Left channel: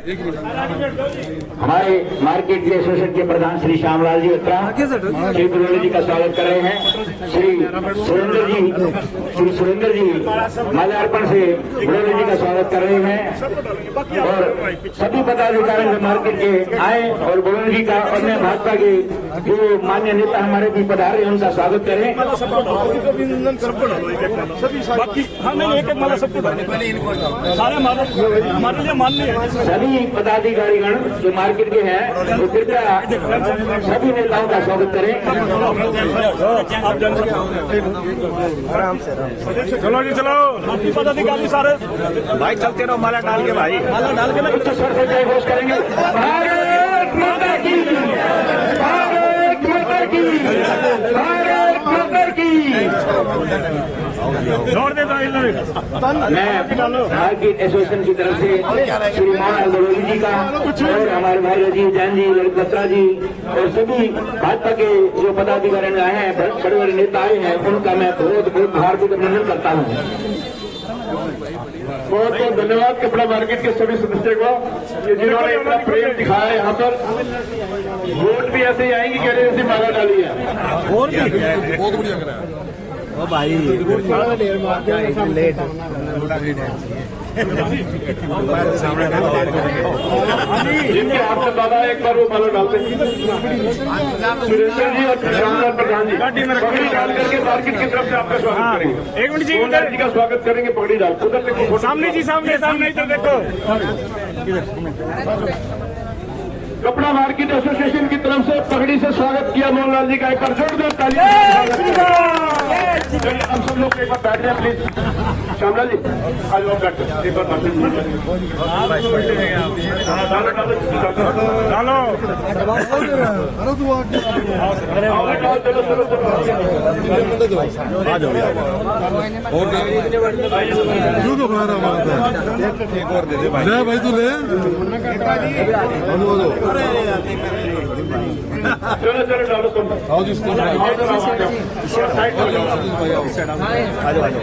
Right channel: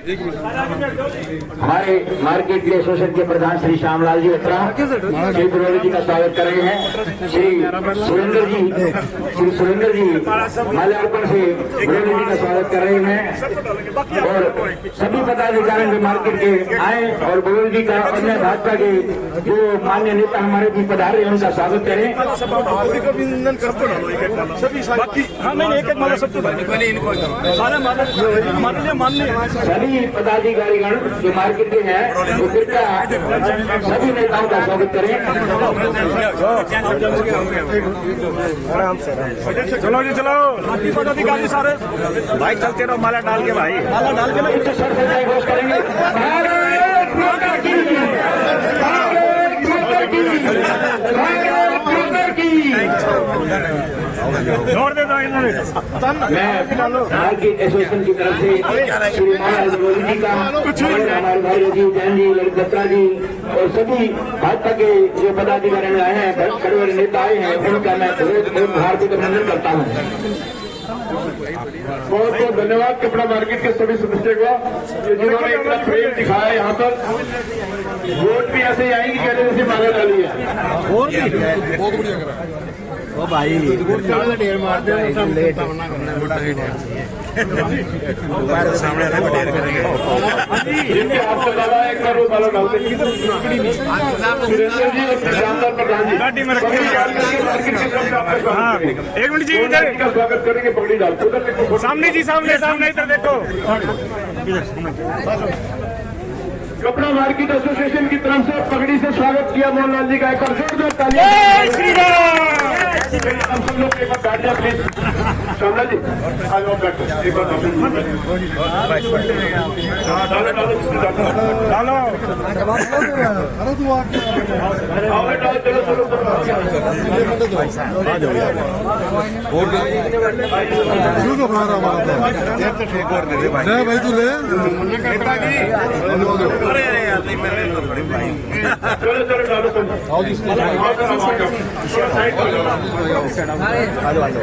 हमारे मार्केट के एसोसिएशन के प्रधान श्री श्यामलाल जी बत्रा श्री सुरेंद्र जी का स्वागत कर रहे हैं। श्री सुरेंद्र जी माल्यार्पण से सुरेंद्र जी का स्वागत कर रहे हैं और सभी पदाधिकारी जो मार्केट के आए और गोविंद जी का अन्य भाजपा के जो मान्य नेता हमारे भी पधारे हैं उनका स्वागत करें। सभी पदाधिकारीगण जो मार्केट के हैं वो कृपया सभी नेताओं का स्वागत करें। चलो जी चलो पदाधिकारी सारे भाई चलते रहो, माला डाल के भाई माला डाल के तो सर घोष करेंगे। भारत माता की, भारत माता की, भारत माता की। मैं मार्केट एसोसिएशन की तरफ से श्री महाराज गोविंद जी का और हमारे भाई अजीत जैन जी, ललित बत्रा जी और सभी भाजपा के जो पदाधिकारी आए हैं, बड़े बड़े नेता आए हैं, उनका मैं बहुत बहुत हार्दिक अभिनंदन करता हूँ। बहुत बहुत धन्यवाद कपड़ा मार्केट के सभी सदस्यों का जिन्होंने इतना प्रेम दिखाया। यहाँ पर वोट भी ऐसे ही आएंगे, पहले से माला डाली है। ओ भाई सामने आपसे डाला एक बार वो माला डालते सुरेंद्र जी और श्यामलाल प्रधान जी मार्केट की तरफ से आपका स्वागत करेंगे। एक मिनट जी का स्वागत करेंगे। पगड़ी डाल उधर देखो, सामने जी सामने सामने इधर देखो। कपड़ा मार्केट एसोसिएशन की तरफ से पगड़ी से स्वागत किया मोहनलाल जी का। एक बार जोरदार तालियां। हम सब लोग एक बार बैठ जाए प्लीज। श्यामलाल जी आज और बैठ चलो चलो भाई तू ले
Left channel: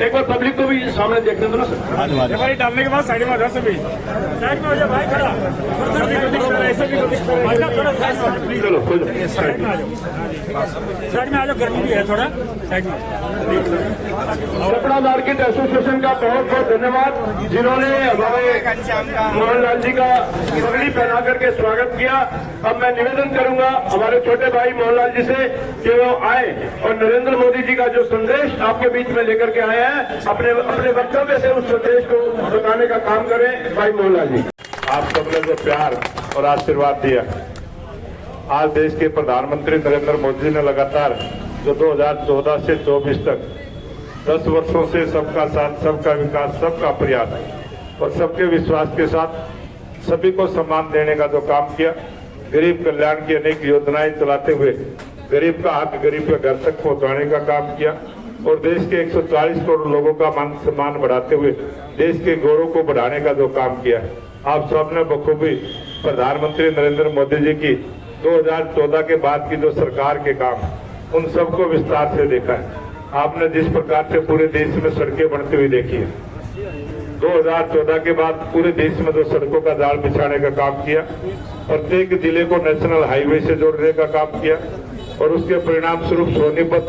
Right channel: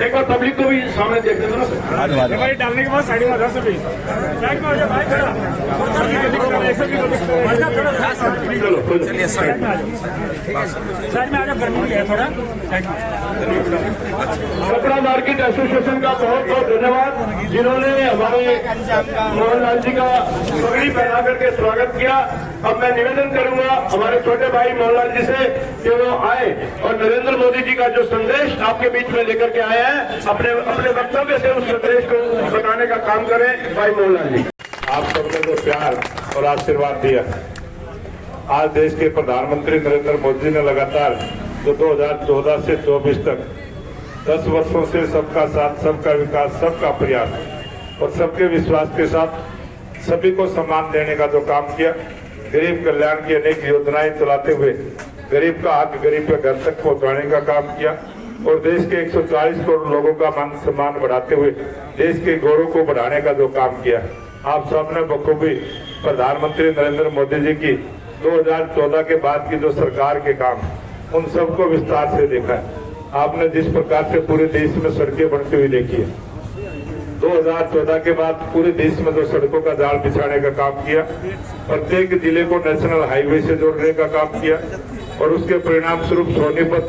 एक बार पब्लिक को भी सामने देखते थे ना डालने के बाद साइड में आधा सभी साइड में आ जाओ, गर्मी भी है थोड़ा साइड में। कपड़ा मार्केट एसोसिएशन का बहुत बहुत धन्यवाद जिन्होंने हमारे मोहनलाल जी का पगड़ी पहना करके स्वागत किया। अब मैं निवेदन करूंगा हमारे छोटे भाई मोहनलाल जी से कि वो आए और नरेंद्र मोदी जी का जो संदेश आपके बीच में लेकर के आए हैं अपने अपने वक्तव्य से उस संदेश को बताने का काम करें। भाई मोहनलाल जी, आप सबने जो प्यार और आशीर्वाद दिया, आज देश के प्रधानमंत्री नरेंद्र मोदी ने लगातार जो 2014 से 24 तक 10 वर्षों से सबका साथ, सबका विकास, सबका प्रयास और सबके विश्वास के साथ सभी को सम्मान देने का जो काम किया, गरीब कल्याण की अनेक योजनाएं चलाते हुए गरीब का हक गरीब के घर तक पहुंचाने का काम किया और देश के 140 करोड़ लोगों का मान सम्मान बढ़ाते हुए देश के गौरव को बढ़ाने का जो काम किया। आप सबने बखूबी प्रधानमंत्री नरेंद्र मोदी जी की 2014 के बाद की जो सरकार के काम, उन सबको विस्तार से देखा है। आपने जिस प्रकार से पूरे देश में सड़कें बनती हुई देखी है, 2014 के बाद पूरे देश में जो सड़कों का जाल बिछाने का काम किया, प्रत्येक जिले को नेशनल हाईवे से जोड़ने का काम किया और उसके परिणाम स्वरूप सोनीपत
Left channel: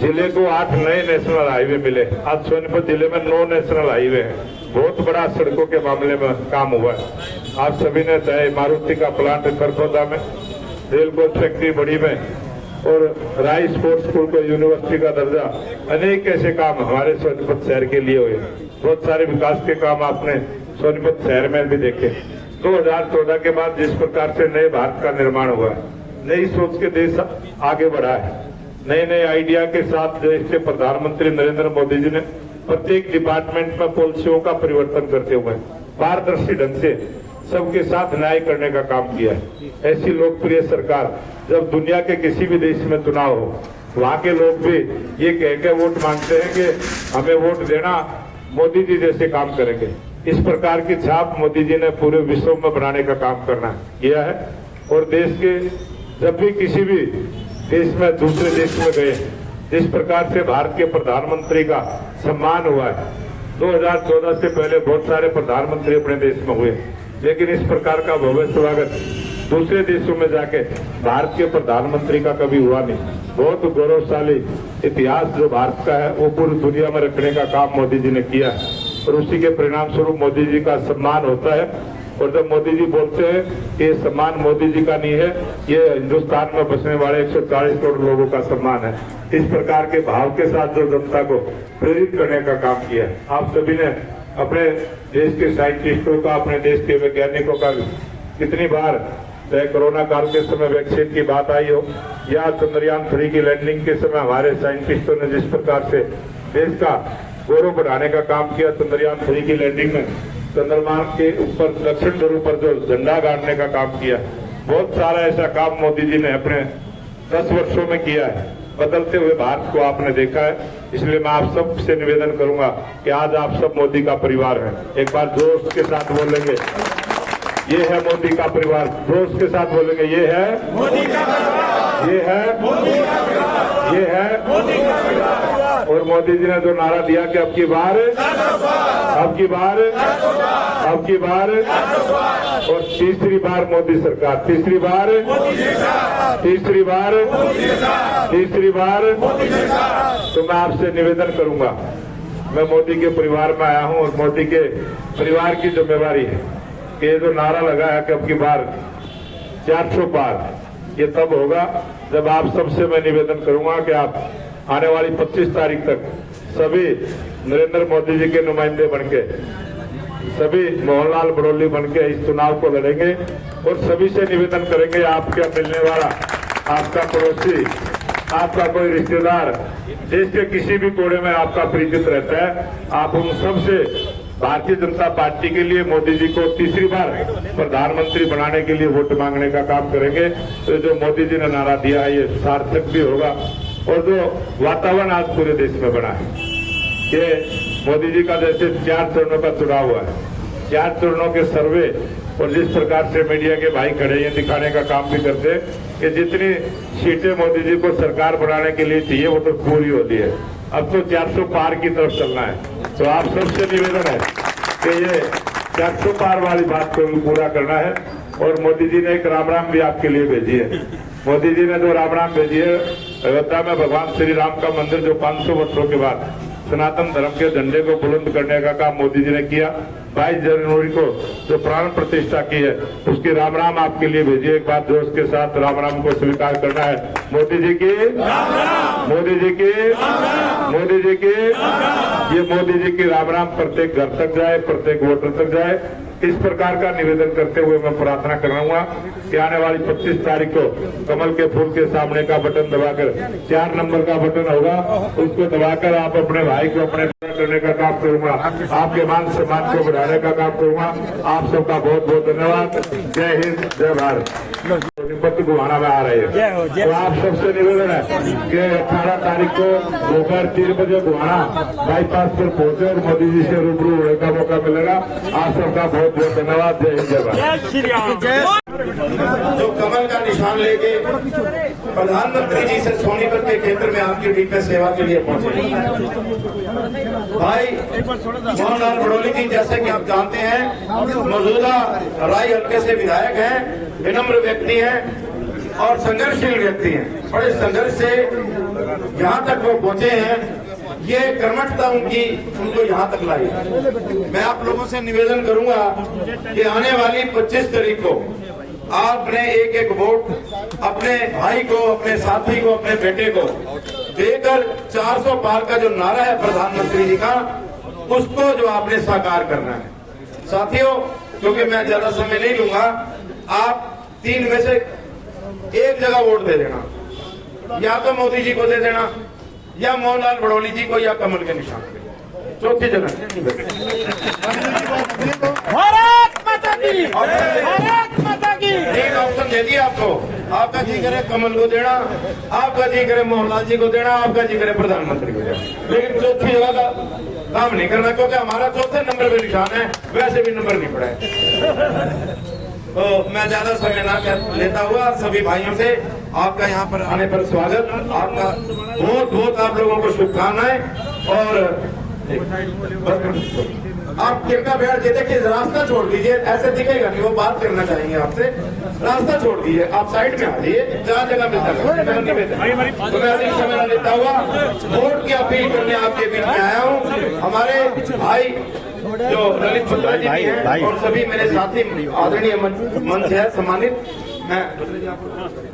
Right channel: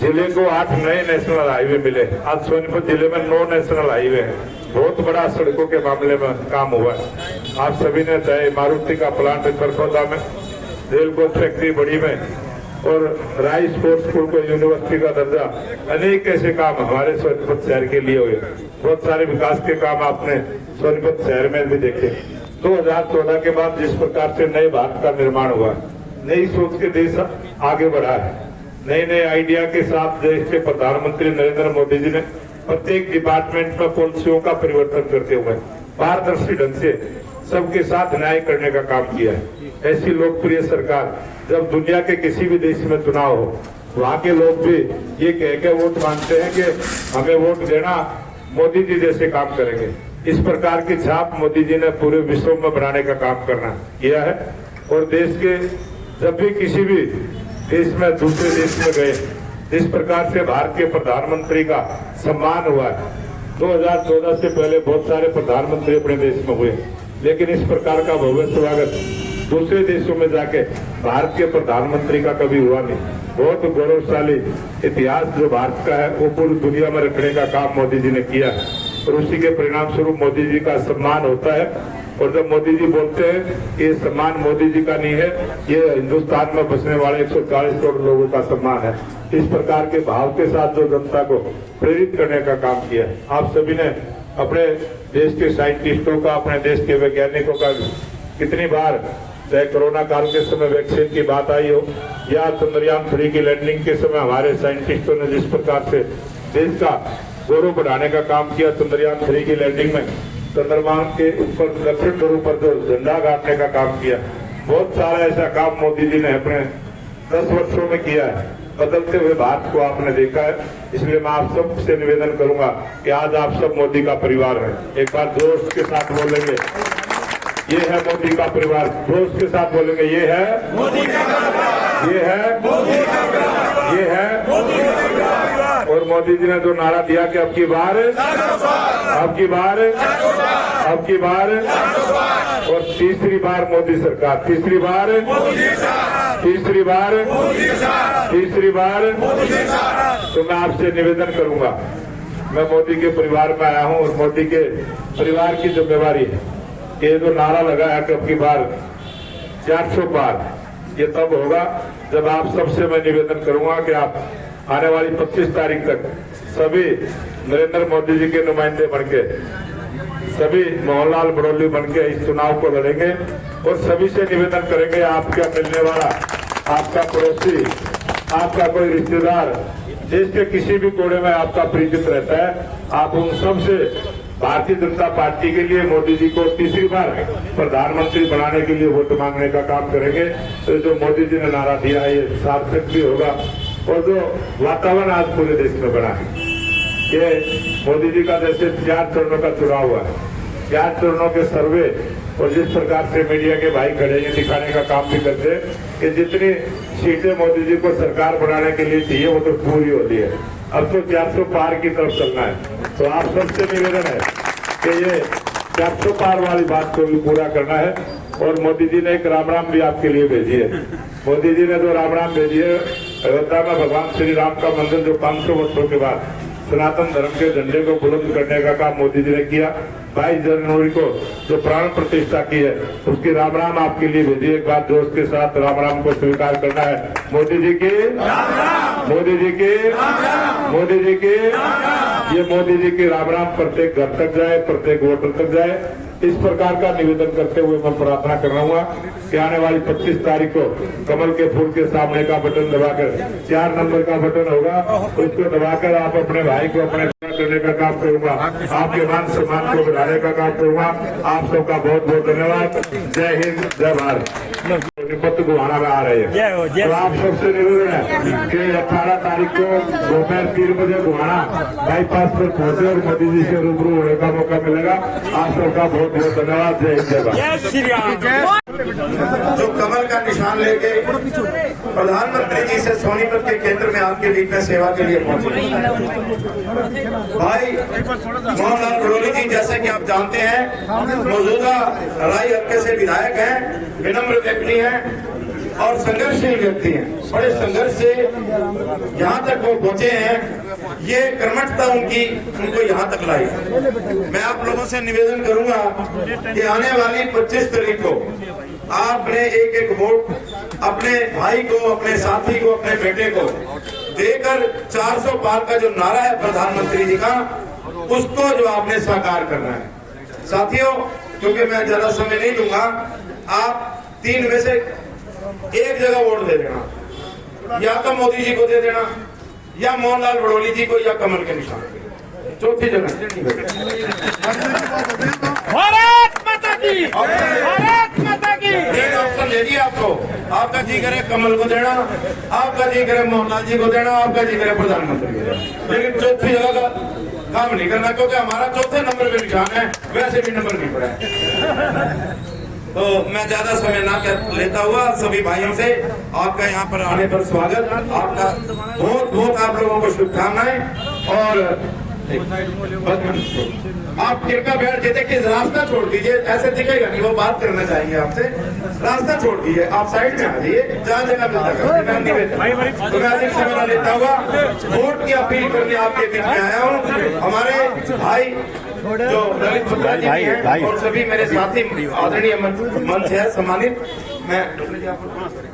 जिले को 8 नए नेशनल हाईवे मिले। आज सोनीपत जिले में 9 नेशनल हाईवे हैं। बहुत बड़ा सड़कों के मामले में काम हुआ है। आप सभी ने चाहे मारुति का प्लांट खरखोदा में, रेल कोच फैक्ट्री बड़ी में और राय स्पोर्ट्स स्कूल को यूनिवर्सिटी का दर्जा, अनेक ऐसे काम हमारे सोनीपत शहर के लिए हुए। बहुत सारे विकास के काम आपने सोनीपत शहर में भी देखे। 2014 के बाद जिस प्रकार से नए भारत का निर्माण हुआ है, नई सोच के देश आगे बढ़ा है, नए नए आइडिया के साथ देश के प्रधानमंत्री नरेंद्र मोदी जी ने प्रत्येक डिपार्टमेंट में पॉलिसियों का परिवर्तन करते हुए पारदर्शी ढंग से सबके साथ न्याय करने का काम किया है। ऐसी लोकप्रिय सरकार जब दुनिया के किसी भी देश में चुनाव हो, वहाँ के लोग भी ये कह के वोट मांगते हैं कि हमें वोट देना, मोदी जी जैसे काम करेंगे। इस प्रकार की छाप मोदी जी ने पूरे विश्व में बनाने का काम करना किया है और देश के जब भी किसी भी देश में दूसरे देश में गए, जिस प्रकार से भारत के प्रधानमंत्री का सम्मान हुआ है। 2014 से पहले बहुत सारे प्रधानमंत्री अपने देश में हुए, लेकिन इस प्रकार का भव्य स्वागत दूसरे देशों में जाके भारत के प्रधानमंत्री का कभी हुआ नहीं। बहुत गौरवशाली इतिहास जो भारत का है वो पूरी दुनिया में रखने का काम मोदी जी ने किया और उसी के परिणाम स्वरूप मोदी जी का सम्मान होता है। और जब मोदी जी बोलते हैं कि ये सम्मान मोदी जी का नहीं है, ये हिंदुस्तान में बसने वाले 140 करोड़ लोगों का सम्मान है। इस प्रकार के भाव के साथ जो जनता को प्रेरित करने का काम किया, आप सभी ने अपने देश के साइंटिस्टों का, अपने देश के वैज्ञानिकों का कितनी बार, चाहे कोरोना काल के समय वैक्सीन की बात आई हो या चंद्रयान 3 की लैंडिंग के समय हमारे साइंटिस्टों ने जिस प्रकार से देश का गौरव बढ़ाने का काम किया, चंद्रयान 3 की लैंडिंग में चंद्रमा के ऊपर दक्षिण ध्रुव पर जो झंडा गाड़ने का काम किया, बहुत सारा ऐसा काम मोदी जी ने अपने 10 वर्षों में किया है। बदलते हुए भारत को आपने देखा है, इसलिए मैं आप सबसे निवेदन करूंगा कि आज आप सब मोदी का परिवार है। एक बार जोश के साथ बोलेंगे, ये है मोदी का परिवार। जोश के साथ बोलेंगे, ये है मोदी का परिवार, ये है मोदी का परिवार, ये है मोदी का परिवार। और मोदी जी ने जो नारा दिया कि अब की बार, अब की बार, अब की बार, और तीसरी बार मोदी सरकार, तीसरी बार, तीसरी बार, तीसरी बार। तो मैं आपसे निवेदन करूंगा, मैं मोदी के परिवार में आया हूं और मोदी के परिवार की जिम्मेवारी है। ये जो नारा लगा है कि अब की बार 400 पार, ये तब होगा जब आप सबसे मैं निवेदन करूंगा कि आप आने वाली 25 तारीख तक सभी नरेंद्र मोदी जी के नुमाइंदे बनके, सभी मोहनलाल बड़ौली बनके इस चुनाव को लड़ेंगे और सभी से निवेदन करेंगे, आपका मिलने वाला, आपका पड़ोसी, आपका कोई रिश्तेदार देश के किसी भी कोने में आपका परिचित रहता है, आप उन सबसे भारतीय जनता पार्टी के लिए मोदी जी को तीसरी बार प्रधानमंत्री बनाने के लिए वोट मांगने का काम करेंगे। तो जो मोदी जी ने नारा दिया है ये सार्थक भी होगा। और जो वातावरण आज पूरे देश में बना है कि मोदी जी का जैसे 4 चरणों का चुनाव हुआ है, 4 चरणों के सर्वे और जिस प्रकार से मीडिया के भाई खड़े ये दिखाने का काम भी करते कि जितनी सीटें मोदी जी को सरकार बनाने के लिए चाहिए वो तो पूरी होती है। अब तो 400 पार की तरफ चलना है। तो आप सबसे निवेदन है कि ये 400 पार वाली बात को भी पूरा करना है। और मोदी जी ने एक राम राम भी आपके लिए भेजी है। मोदी जी ने जो राम राम भेजी है, अयोध्या में भगवान श्री राम का मंदिर जो 500 वर्षों के बाद सनातन धर्म के झंडे को बुलंद करने का काम मोदी जी ने किया। 22 जनवरी को जो प्राण प्रतिष्ठा की है उसकी राम राम आपके लिए भेजी। एक बार जोश के साथ राम राम को स्वीकार करना है। मोदी जी की, मोदी जी की, मोदी जी की, ये मोदी जी की राम राम प्रत्येक घर तक जाए, प्रत्येक वोटर तक जाए। इस प्रकार का निवेदन करते हुए मैं प्रार्थना कराऊंगा कि आने वाली 25 तारीख को कमल के फूल के सामने का बटन दबाकर 4 नंबर का बटन होगा, उसको दबाकर आप अपने भाई को अपने करने का काम करूंगा, आपके मान सम्मान को बढ़ाने का काम करूंगा। आप सबका बहुत बहुत धन्यवाद। जय हिंद, जय भारत। पत्र गुहाना में आ रहे हैं तो आप सबसे निवेदन है कि 18 तारीख को दोपहर 3 बजे गुहाना बाईपास पर पहुंचे और मोदी जी से रूबरू होने का मौका मिलेगा। आप सबका बहुत बहुत धन्यवाद। जय हिंद, जय भारत। जो कमल का निशान लेके प्रधानमंत्री जी से सोनीपत के केंद्र में आपके बीच में सेवा के लिए पहुंचे भाई मोहनलाल बड़ौली जी, जैसे कि आप जानते हैं मौजूदा राय हल्के से विधायक हैं, विनम्र व्यक्ति हैं और संघर्षशील व्यक्ति हैं। बड़े संघर्ष से यहाँ तक वो पहुंचे हैं, ये कर्मठता उनको यहाँ तक लाई। मैं आप लोगों से निवेदन करूंगा कि आने वाली 25 तारीख को आपने एक एक वोट अपने भाई को, अपने साथी को, अपने बेटे को देकर 400 पार का जो नारा है प्रधानमंत्री जी का, उसको जो आपने साकार करना है। साथियों, क्योंकि मैं ज्यादा समय नहीं लूंगा, आप 3 में से एक जगह वोट दे देना, या तो मोदी जी को दे देना, या मोहनलाल बड़ौली जी को, या कमल के निशान। चौथी जगह एक ऑप्शन दे दिया आपको, आपका जी करे कमल को देना, आपका जी करे मोहनलाल जी को देना, आपका जी करे प्रधानमंत्री को देना। लेकिन चौथी जगह का काम नहीं करना, क्योंकि हमारा चौथे नंबर पे निशान है, वैसे भी नंबर नहीं पड़ा है। तो मैं ज्यादा समय ना लेता हुआ सभी भाइयों से आपका यहाँ पर आने पर स्वागत, आपका बहुत बहुत आप लोगों को शुभकामनाएं। और आप कृपया बैठ जाइए, देखिए रास्ता छोड़ दीजिए, ऐसे दिखेगा नहीं, वो बात करना चाहेंगे आपसे। रास्ता छोड़ दीजिए, आप साइड में आ जाइए, जहाँ जगह मिलता है। मैं अधिक समय लेता हुआ वोट की अपील करने आपके बीच में आया हूँ। हमारे भाई जो ललित बत्रा जी हैं और सभी मेरे साथी आदरणीय मंच है सम्मानित,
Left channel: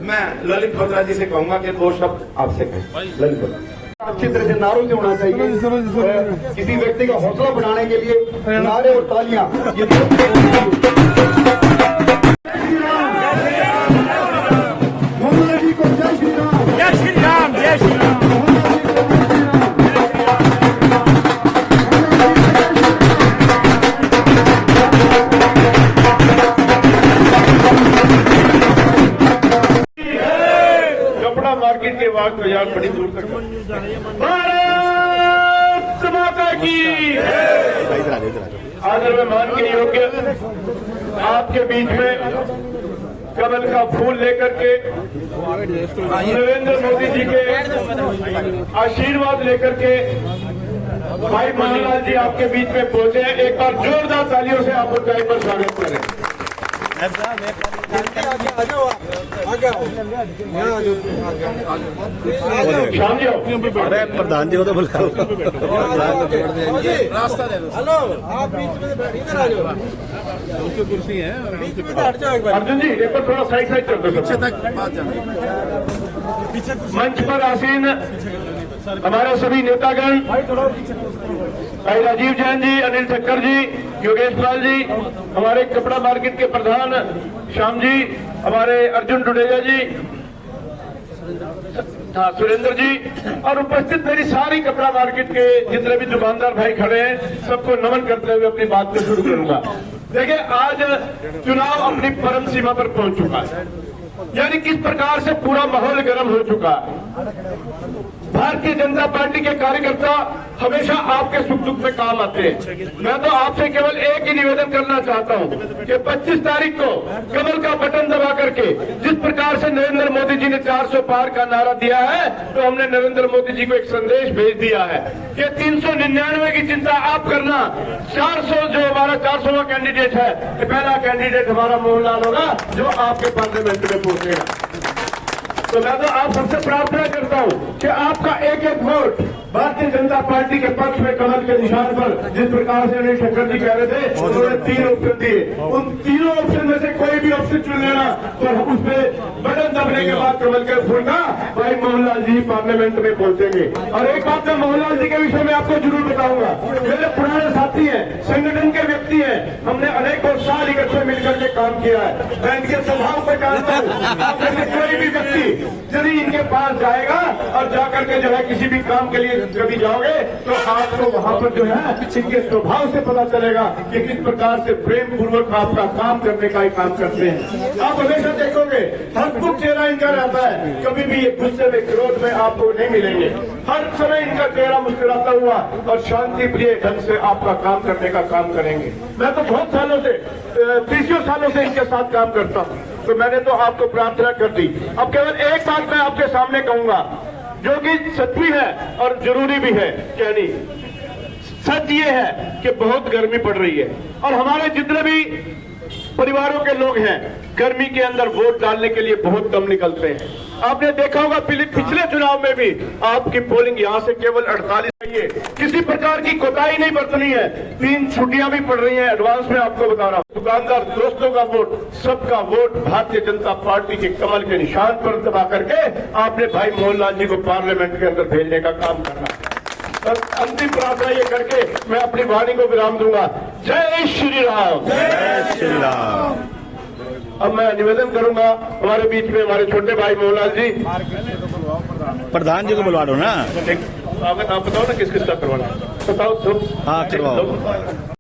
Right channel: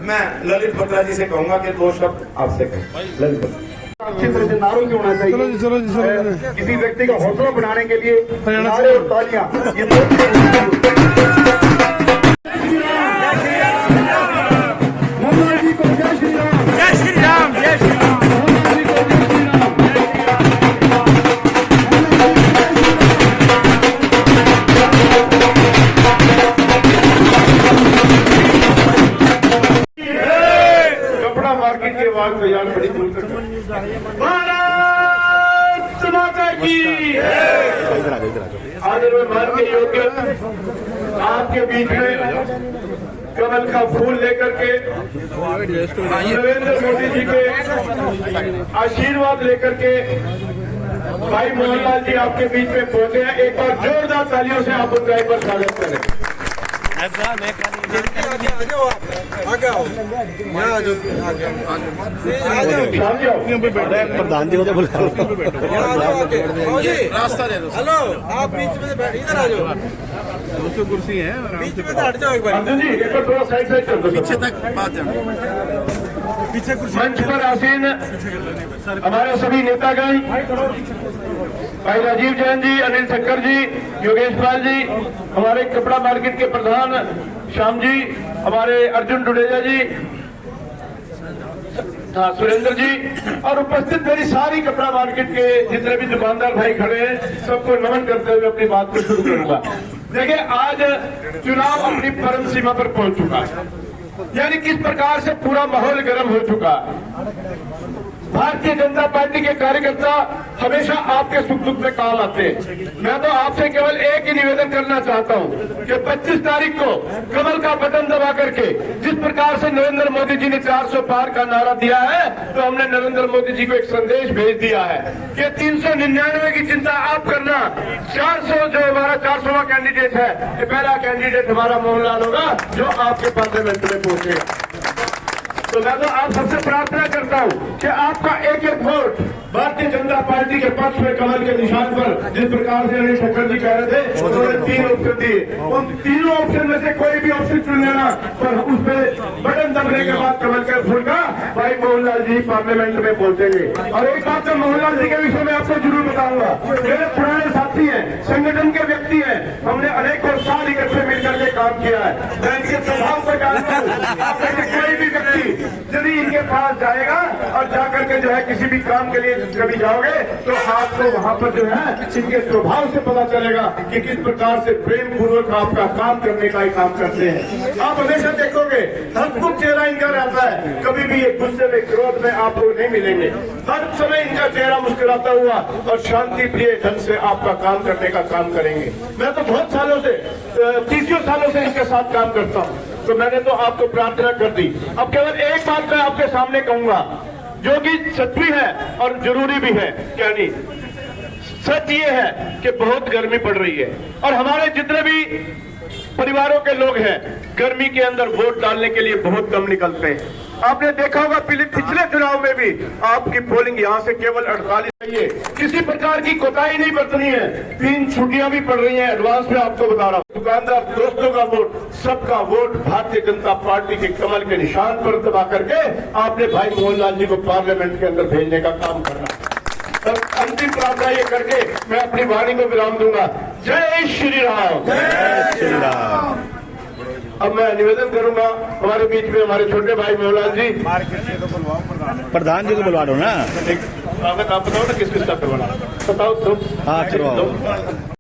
मैं ललित बत्रा जी से कहूंगा कि 2 शब्द आपसे कहें। ललित बत्रा अच्छी तरह से नारों से होना चाहिए। किसी व्यक्ति का हौसला बढ़ाने के लिए नारे और तालियां मोदी जी को जय श्री राम। जय श्री राम, जय श्री राम। कपड़ा मार्केट के बाद बाजार बड़ी दूर तक भारत माता की आदर में मान के योग्य आपके बीच में कमल का फूल लेकर के नरेंद्र मोदी जी के आशीर्वाद लेकर के भाई मोहनलाल जी आपके बीच में पहुंचे हैं। एक बार जोरदार तालियों से आप उनका एक बार स्वागत करें। अरे प्रधान जी को तो बुला लो। हेलो, आप बीच में इधर आ जाओ, कुर्सी है बीच में हट जाओ एक बार। अर्जुन जी एक बार थोड़ा साइड साइड कर दो। पीछे तक बात जाना। पीछे कुर्सी। मंच पर आसीन हमारे सभी नेतागण, भाई राजीव जैन जी, अनिल ठक्कर जी, योगेश लाल जी, हमारे कपड़ा मार्केट के प्रधान श्याम जी, हमारे अर्जुन डुडेजा जी, हाँ सुरेंद्र जी, और उपस्थित मेरी सारी कपड़ा मार्केट के जितने भी दुकानदार भाई खड़े हैं, सबको नमन करते हुए अपनी बात को शुरू करूंगा। देखिए, आज चुनाव अपनी परम सीमा पर पहुंच चुका है, यानी किस प्रकार से पूरा माहौल गर्म हो चुका है। भारतीय जनता पार्टी के कार्यकर्ता हमेशा आपके सुख दुख में काम आते हैं। मैं तो आपसे केवल एक ही निवेदन करना चाहता हूं कि 25 तारीख को कमल का बटन दबा करके जिस प्रकार से नरेंद्र मोदी जी ने 400 पार का नारा दिया है, तो हमने नरेंद्र मोदी जी को एक संदेश भेज दिया है कि 399 की चिंता आप करना, 400 जो हमारा 400वां कैंडिडेट है, ये पहला कैंडिडेट हमारा मोहनलाल होगा जो आपके पार्लियामेंट में पहुंचेगा। तो मैं तो आप सबसे प्रार्थना करता हूं कि आपका एक एक वोट भारतीय जनता पार्टी के पक्ष में कमल के निशान पर, जिस प्रकार से अनिल ठक्कर जी कह रहे थे, उन्होंने 3 ऑप्शन दिए, उन तीनों ऑप्शन में से कोई भी ऑप्शन चुन लेना, पर उस पर बटन दबने के बाद कमल के फूल का भाई मोहनलाल जी पार्लियामेंट में पहुंचेंगे। और एक बात मैं मोहनलाल जी के विषय में आपको जरूर बताऊंगा, मेरे पुराने साथी हैं, संगठन के व्यक्ति हैं, हमने अनेकों साल इकट्ठे मिलकर के काम किया है। मैं इनके स्वभाव को जानता हूं। कोई भी व्यक्ति यदि इनके पास जाएगा और जाकर के जो है किसी भी काम के लिए कभी जाओगे, तो आपको वहां पर जो है इनके स्वभाव से पता चलेगा कि किस प्रकार से प्रेम पूर्वक आपका काम करने का ही काम करते हैं। आप हमेशा देखोगे हंसमुख चेहरा इनका रहता है, कभी भी ये गुस्से में क्रोध में आपको नहीं मिलेंगे। हर समय इनका चेहरा मुस्कुराता हुआ और शांति प्रिय ढंग से आपका काम करने का काम करेंगे। मैं तो बहुत सालों से 30 सालों से इनके साथ काम करता हूँ, तो मैंने तो आपको प्रार्थना कर दी। अब केवल एक बात मैं आपके सामने कहूंगा, जो कि सच भी है और जरूरी भी है। क्या नहीं, सच ये है कि बहुत गर्मी पड़ रही है और हमारे जितने भी परिवारों के लोग हैं, गर्मी के अंदर वोट डालने के लिए बहुत कम निकलते हैं। आपने देखा होगा पिछले चुनाव में भी आपकी पोलिंग यहाँ से केवल 48 है। किसी प्रकार की कोताही नहीं बरतनी है। 3 छुट्टियां भी पड़ रही हैं, एडवांस में आपको बता रहा हूँ। दुकानदार दोस्तों का वोट, सबका वोट भारतीय जनता पार्टी के कमल के निशान पर दबा करके आपने भाई मोहनलाल जी को पार्लियामेंट के अंदर भेजने का काम करना। और अंतिम प्रार्थना ये करके मैं अपनी वाणी को विराम दूंगा। जय श्री राम। जय श्री राम। अब मैं निवेदन करूंगा, हमारे बीच में हमारे छोटे भाई मोहनलाल जी, प्रधान जी को बुलवा दो ना। आप बताओ ना किस किस का करवाना, बताओ। हाँ करवाओ।